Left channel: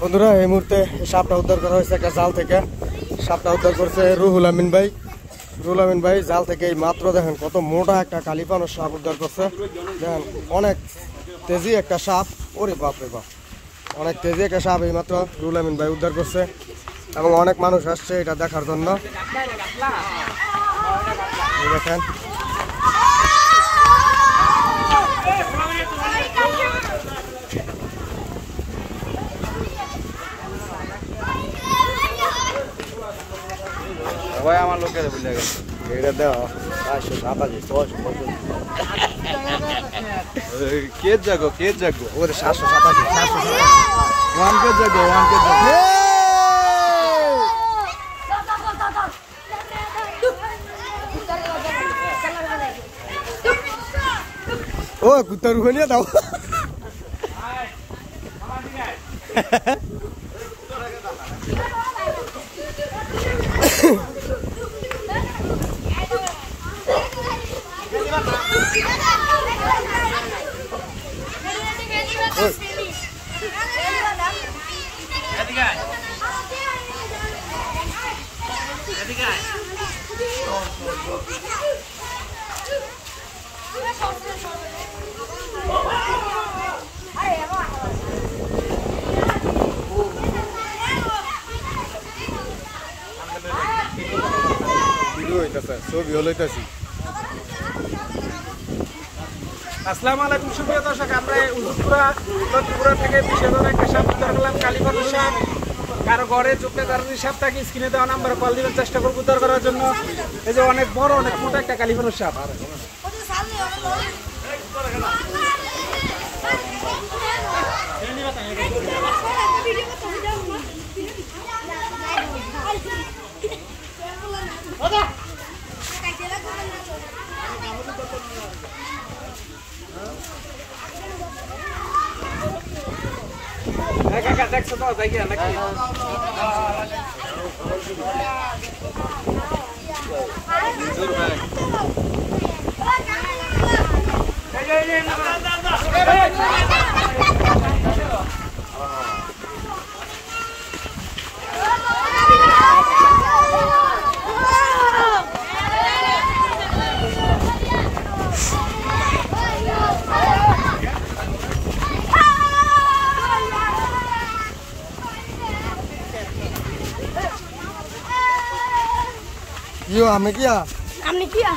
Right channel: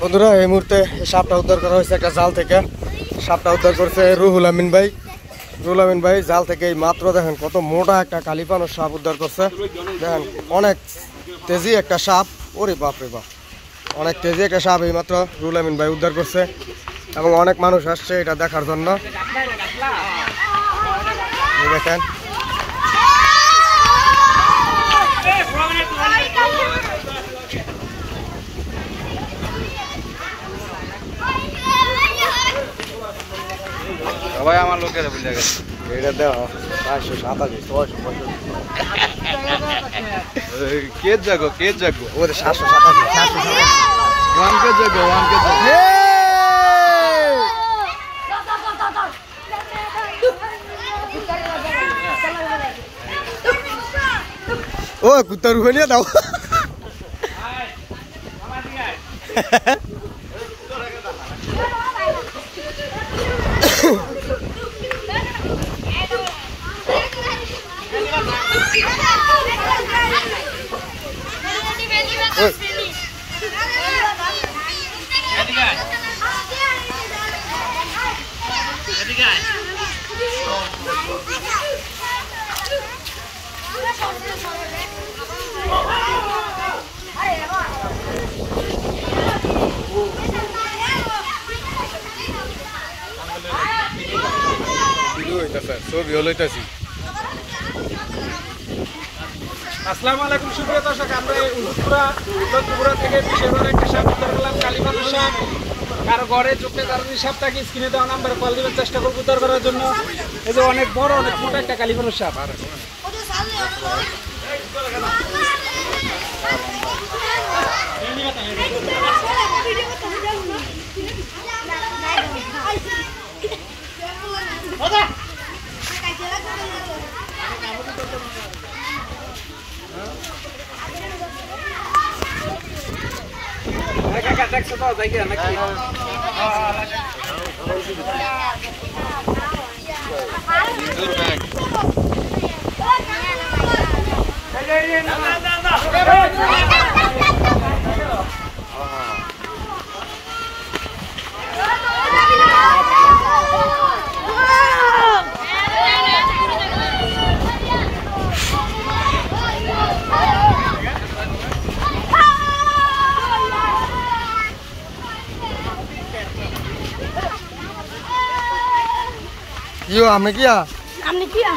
বন্ধুরা এই মুহূর্তে সাপটা উদ্ধার করা হয়েছে একটা জাল থেকে। সাপটা উদ্ধার করছে রুহুল আমিন ভাই। রুহুল আমিন ভাই জাল থেকে এই মাত্র দেখেন কত মোটা একটা কালিপানোর সাপ উদ্ধার করছে। দেখেন অনেক তেজি একটা সাপ, ওরে বাপরে বাপ, অনেক তেজি একটা সাপ এই মাত্র রুহুল আমিন ভাই উদ্ধার করছে এবং অনেক মানুষ আসছে এটা দেখার জন্য। দেখেন ভাই আমার লোকের ভুলে গেছে এটা দেওয়া 487 কে জাগো ওদের 787 ওয়ান কে জাগো ও কুত্তার উপরে নিয়ে দাও। আসসালামু আলাইকুম সুপ্রিয় দর্শক, আমরা উত্তরপুরা থেকে বিশেষ একটা সাপ উদ্ধার করলাম, কালীপানোর সাপ। কারো ঘরে চোখে কারো সাপ থাকে স্ক্রিনে দেওয়া নাম্বারে কল দিবেন, চেষ্টা করবো উদ্ধার করার জন্য। এই যে অনেক বড় অনেক মোটা একটা কালীপানোর সাপ। দেখছো তো যাই গিয়া নাকি Yo, ame kia. Ame kia.